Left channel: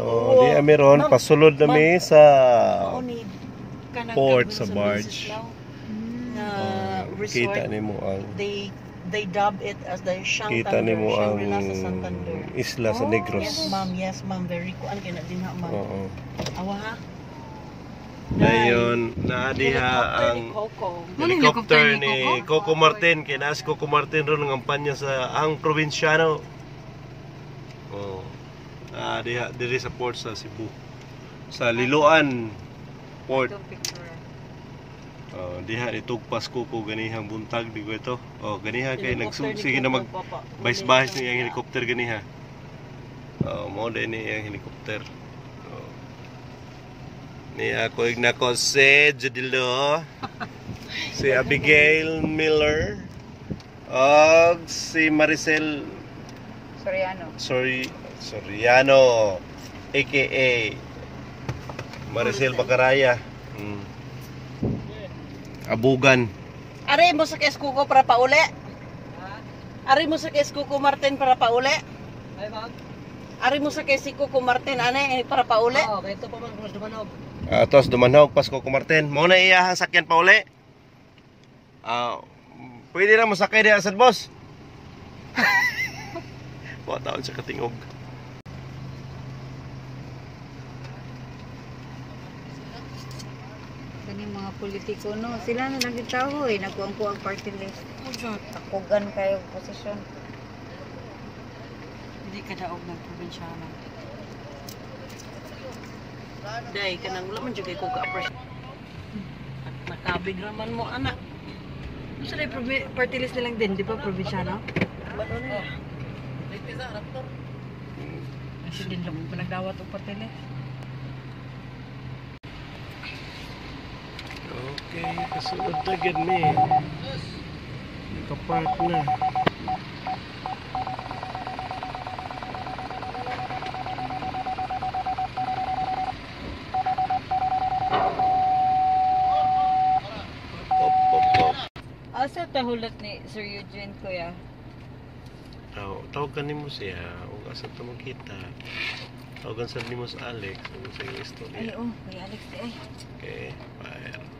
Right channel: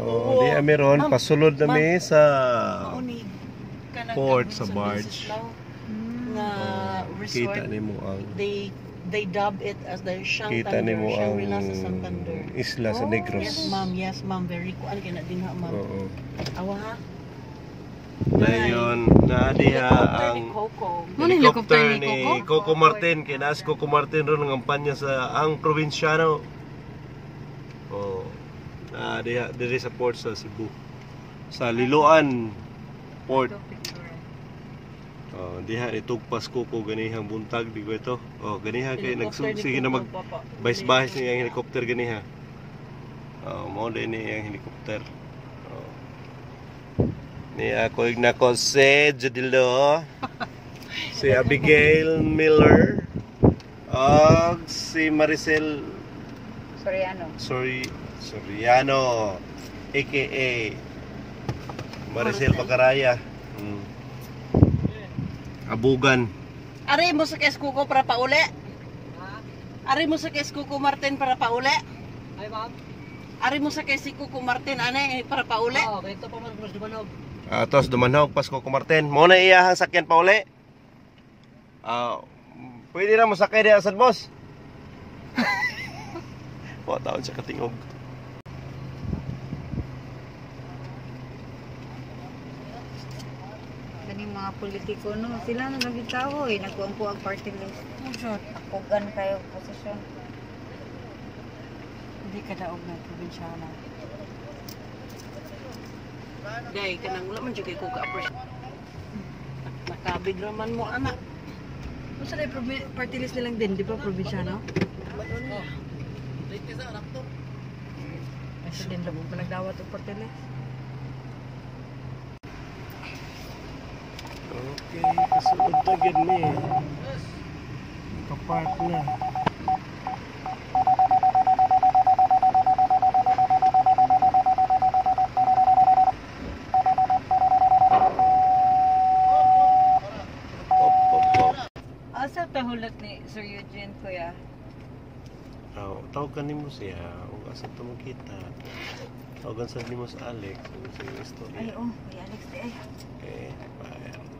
Oh, di meron pasulod na mi sa port sa barge. Kita nimo ang they dub it as the Santander. Kita nimo ang Santander. isla sa Negros. Yes ma'am, very kuan kay na din ha ma'am. Oo. Awa ha. Dayon na diha ang helicopter ni Coco Martin kay naas Coco Martin ron ng kampanya sa ang probinsyano. Oh. Diha diri sa port sa Cebu. Sa Liloan Port. Diha itugpas ko po ganihang buntag di ko ito. Oh, ganiha kay sige na mag bahis-bahis ni ang helicopter ganiha. Mao din ni ang helicopter. Ni ako ignako si Judilo, si Abigail Miller, og si Maricel Soriano, aka Maricel Bacaraya. Abugan. Ari mo sa Keskuko para pauli? Ari mo sa Keskuko Martin para pauli? Ay ma'am. Ari mo sa Keskuko Martin ane para pauli? Oo, dito pa man cross Dumanog. Tos Dumanog pas Coco Martin. Mo na iyahang sakyan pauli? Pwede na mo sakay diha sad boss. Wa taon sa katingog. Mga politiko no, sila na nagitaho nagkuang po ang party list. Takugan kayo posisyon. Hindi ka daog ng probinsyano. Day ka nang wala man jud ko ka-appreciate. Nakabig raman mo anak. Mo sa party list nilang din, di ba probinsyano? Late sa raptor. Kasi din lang pinagdawat og party list. Okay, kasunod na gid mi. Kapark na. Asa tahulot ni Sir Eugene kuya? Tawagan nimo siya, ug asa to magkita. Tawagan sa nimo sa Alex, sa istorya. Ay, kay Alex di ay. Okay, bye.